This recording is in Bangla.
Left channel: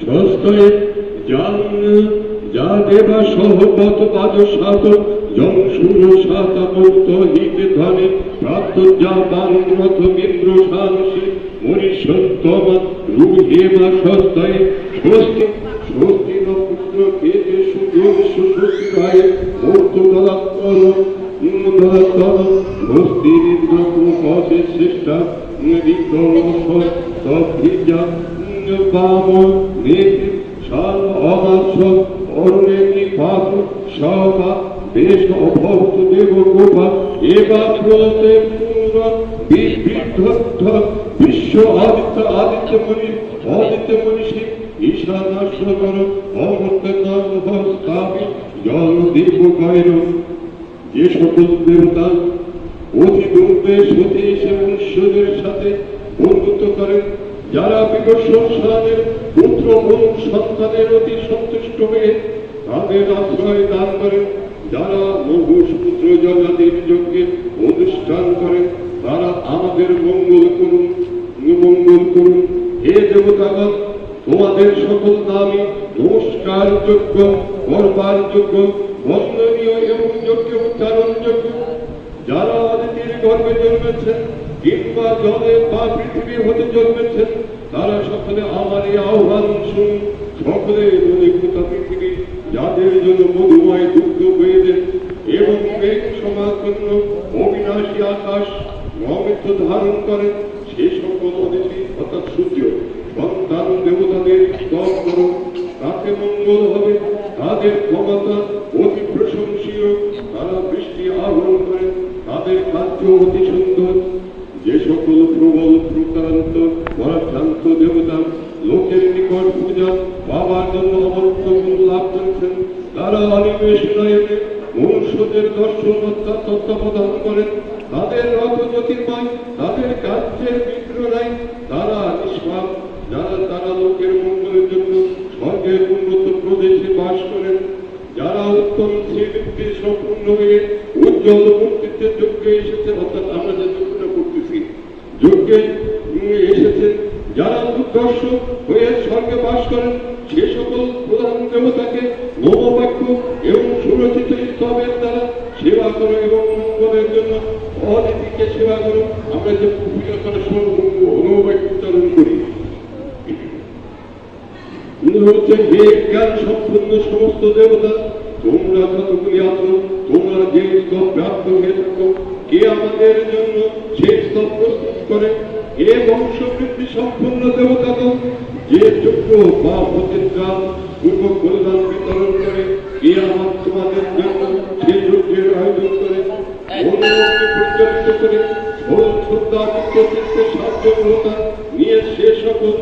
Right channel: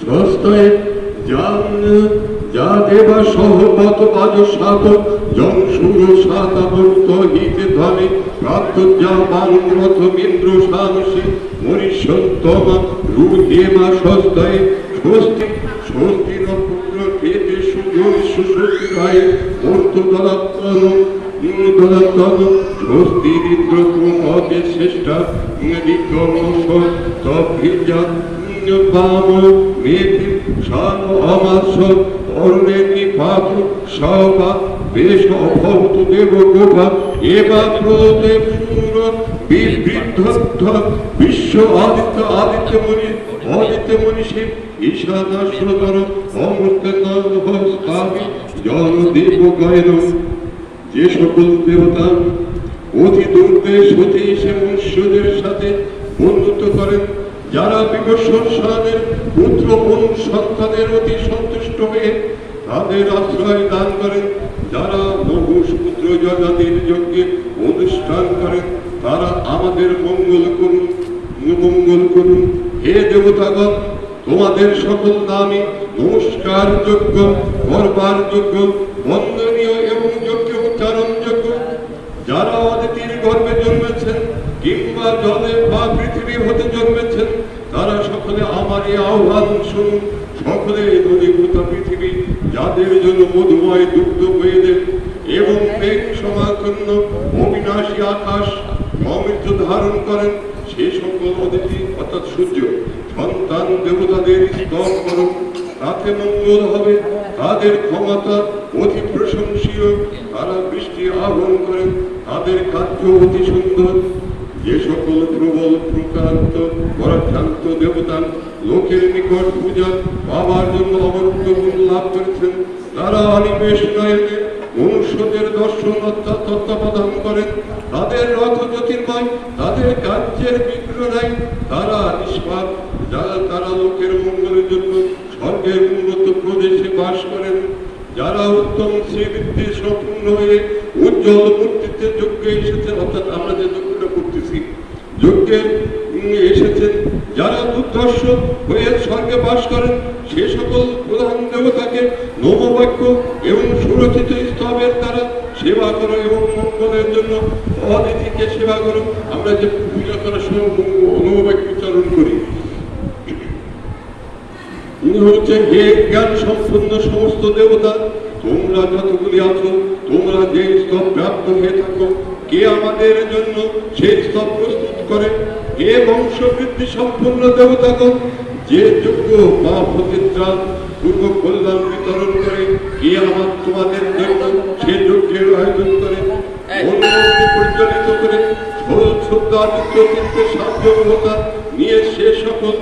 সস্তায় জান যা দেবা সহমত বাজ সাত জন সুর সাতাবর্ত হিতে ধনে প্রাপ্ত যা পুত্র খেতে সুযোগ সুশক্তি রায় মূর্ত দলাত্তর দলাত্তর স্বস্তি শ্রেষ্ঠা বিক্রম তভিজা বাম মেঘ শাল অমাস অরণে নিপাত সবা, বেশ অভক্ত দেব গোপা এবা প্রদেব সুর বিবৃদ্ধ বিশ্ব আদিত্য আদিত্য মনি আদিত্য মনীষী ঈশানাশ্বর অমৃত নাম স্থাপি জল দেব গায়ন যে সকল দেবতা, অতি দুর্বে সতীশ এবং ঈশ্বরের সাথে বন্ধুত্ব করেন, যারা বিকর্ষণ স্নানের পুত্র মন সন্তানের অতি সন্তুষ্ট হয়ে তাদের আশ্রয় দান করেন, যারা বহু সমুদ্র জনাদের যজ্ঞে অনুষ্ঠান করেন, তারা আমাদের মঙ্গল করুন মঙ্গল করুন। হে দেবতাগণ, তোমাদের সকল নামই নমস্কার যোগ্য করবার যোগ্য বন্দনীয় এবং গর্ভে জন্মেছেন, কিংবা জলে বা পৃথিবী হতে জন্মেছেন, তারা সকলে আমারই আহ্বান শুনুন, সকলে মণিভূত পৃথিবী, যাদের জন্য মধুময় দুগ্ধ দেন। এবং মেঘ সমাকন্ন অবিনাশী আকাশ, অমৃত ধারণ করেন, সে সকল অদিতি অর্থাৎ সূর্য, সন্তান দেবতাদের স্তর করুন। তাতে মঙ্গল হবে, তাদের ক্ষমতা অতি প্রশংসীয়, তারা বৃষ্টি আহরণ করেন। তাদের কার্য অতি সুন্দর। যে সকল প্রবল প্রকান্ত পরাভ্রান্ত দেবতা লোকের নিকট পূজা পাবার জন্য অমর্ত্য গুণ লাভ করেছেন, তারা নয়নে মনুষ্যদের দর্শন তত্ত্বাবধান করেন। তাদের রথ জ্যোতির্ময়, তাদের কার্যের বিগ্রহ নাই তারা নিষ্পাপ। যারা তারা লোকের মঙ্গলের জন্য স্বর্গের উন্নত প্রদেশে বাস করেন যারা উত্তম শ্রীবৃত্তি সম্পূর্ণ হয়ে উজ্জ্বল মূর্তিত্বের যজ্ঞে এসেছেন, অর্থাৎ আমরা যে যজ্ঞটা করতেছি, যজ্ঞে এসেছেন, যারা দুর্দর্শ হয়ে স্বর্গে বাস করেন, সে সকল প্রধান দেবতাকে নববাক্য এবং সুরক্ষিত স্তবের দ্বারা সেবা করো এবং মঙ্গলের জন্য অতিথিকে সেবা করো। আমরা যে পূজা করার সময় নববাক্য উচ্চারণ করি হচ্ছেন হে জ্ঞান সম্পূর্ণ সমস্ত দেবতা, তোমরা যতগুলি আছো, তোমরা যে স্তব প্রাপ্ত হয়ে থাকো, কে আমাদের জন্য সেই স্তব প্রস্তুত করে? হে বংশ বৃদ্ধি সম্পূর্ণ দেবতাগণ, যে যোগ্য বা প্রতিত্রাণ পূর্ব কল্যাণ বিতরণ করে, কে আমার তোমাদের জন্য সে যজ্ঞের আয়োজন করে? পরিচালিত করে সাহায্যতা নিয়ে সে সকল